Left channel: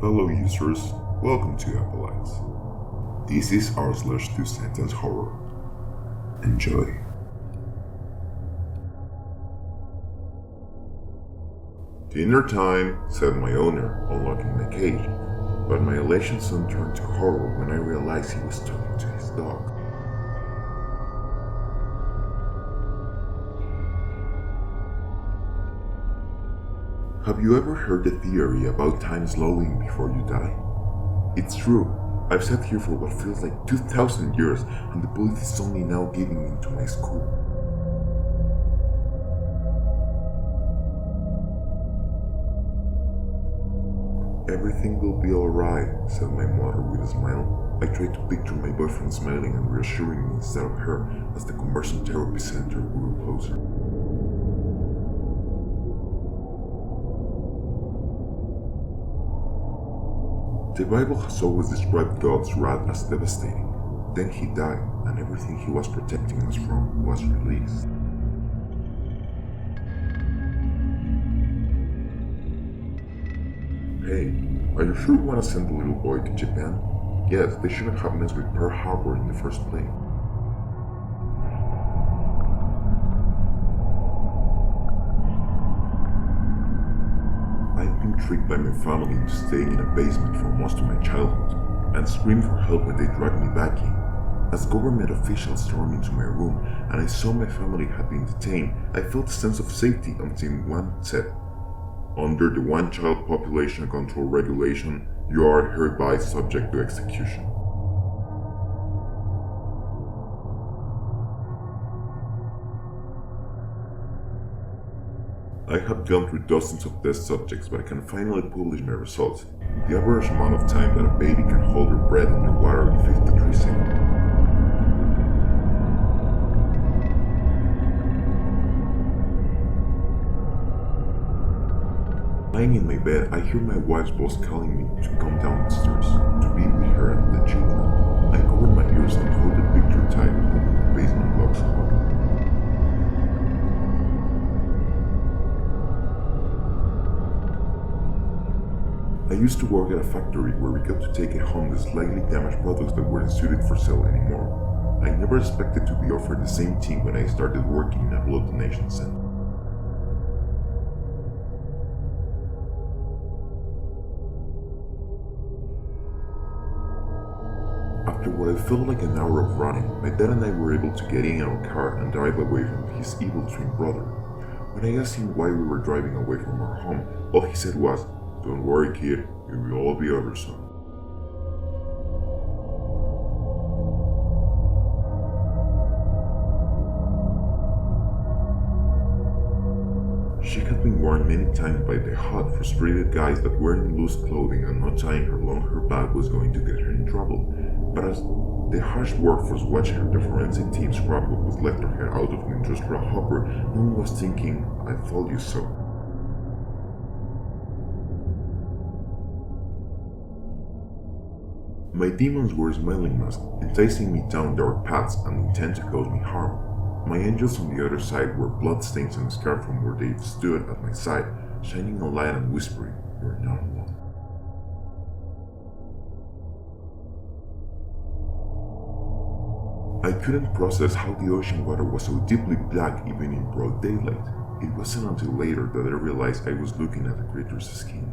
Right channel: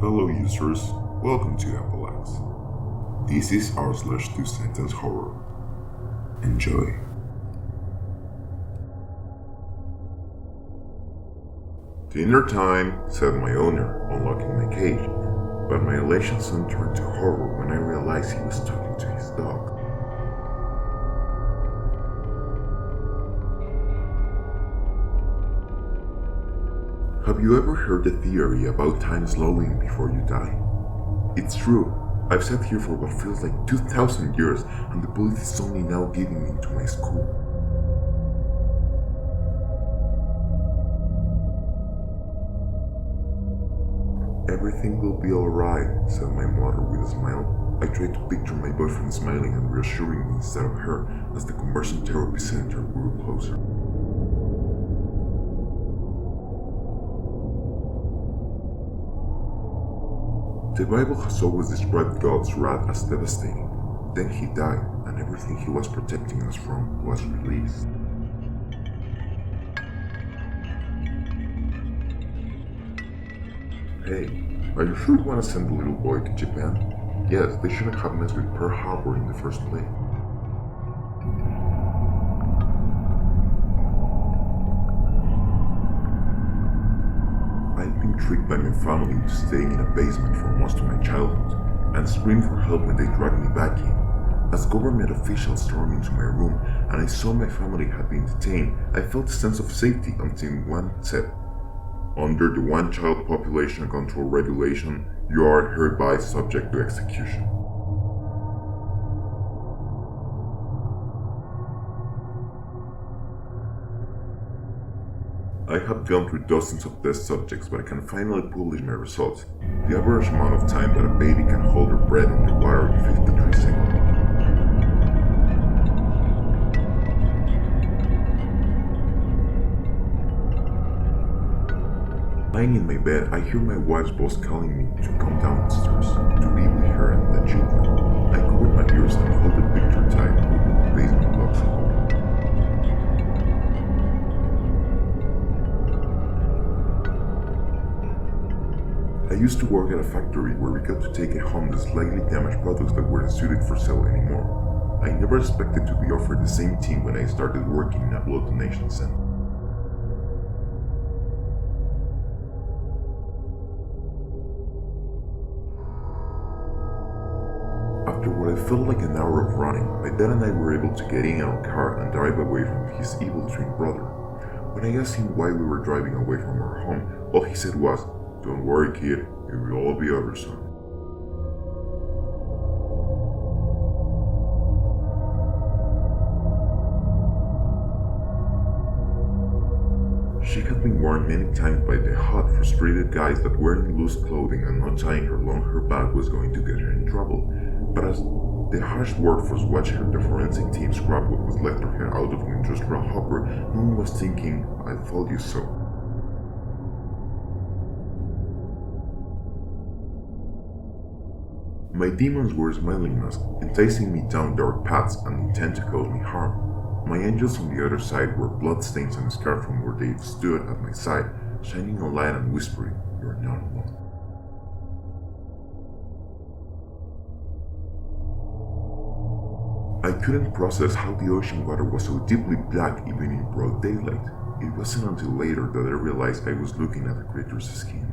Fellow users, welcome to Apallax. This is r/2sentencerhorror. Enjoy. Dinner time, said my owner, unlocking my cage, but my elation soon turned to horror when I realized he was talking to his dog. Have you ever heard the theory about time slowing before you die? It's true. I've sat here for what feels like 2,000 years and the bullet is only now giving into my skull. Everything will be alright, said my mother with a smile. I tried to picture my boyfriend smiling and reassuring me instead of her as the conversion therapy center grew closer. The Bible has always described God's wrath as devastating. Then he died, and everything he was protecting us from was released. Hey, are you sure you want to send the little boy to Japan? Yes, they shouldn't have messed with Pearl Harbor in the first place. I've been tricked by my family into staying in a basement for most of my childhood, and screamed for help when they dragged me back in. As government officials stormed into my room and I saw my family had been detained, I felt a sense of safety until one said, "Under the one-child population control regulation, you are hereby subject to execution." I have gone through dozens of test subjects, but I can finally publish my results. The average amount of time that a baby can hold her breath underwater is 53 seconds. Lying in my bed, I hear my wife's voice calling me to come downstairs, to be with her and the children. I cover my ears and hold the picture tight, hoping the basement locks hold. I used to work at a factory where we got to take home the slightly damaged products that weren't suited for sale anymore. I never expected to be offered the same thing when I started working in a blood donation center. After what I felt like an hour of running, my dad and I were able to get in our car and drive away from his evil twin brother. When I asked him why we were driving away from our home, all he said was, "Don't worry, kid, it will all be over soon." She had been warned many times by the hot, frustrated guys that wearing loose clothing and not tying her long hair back was going to get her in trouble. But as the harsh workforce watched the forensic team scrap what was left of her out of an industrial hopper, no one was thinking, "I told you so." My demons were smiling masks, enticing me down dark paths and intent to cause me harm. My angels on the other side were bloodstains and scarred from where they stood at my side, shining a light and whispering, "You are not alone." I couldn't process how the ocean water was so deeply black even in broad daylight. It wasn't until later that I realized I was looking at the creature's skin.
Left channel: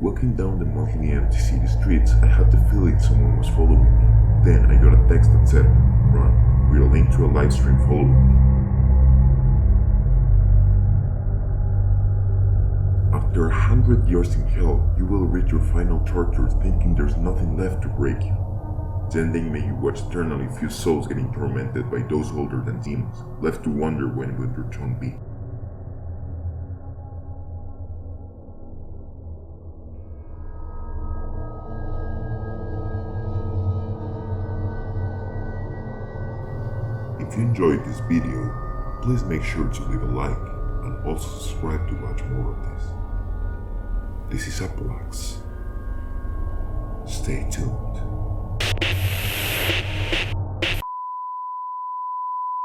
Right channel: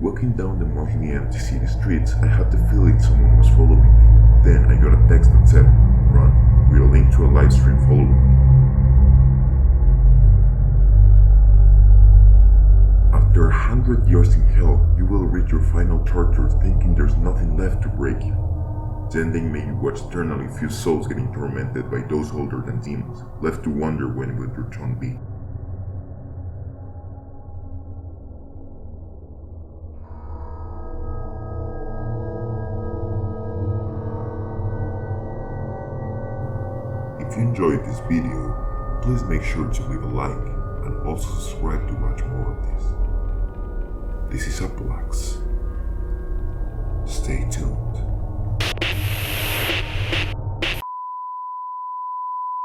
Walking down the mostly empty city streets, I had the feeling someone was following me. Then I got a text that said, "Run," with a link to a live stream following me. After 100 years in hell, you will reach your final torture thinking there's nothing left to break you. Then they make you watch eternally few souls getting tormented by those older than demons, left to wonder when will your turn be. If you enjoyed this video, please make sure to leave a like and also subscribe to watch more of this. This is Apallax. Stay tuned.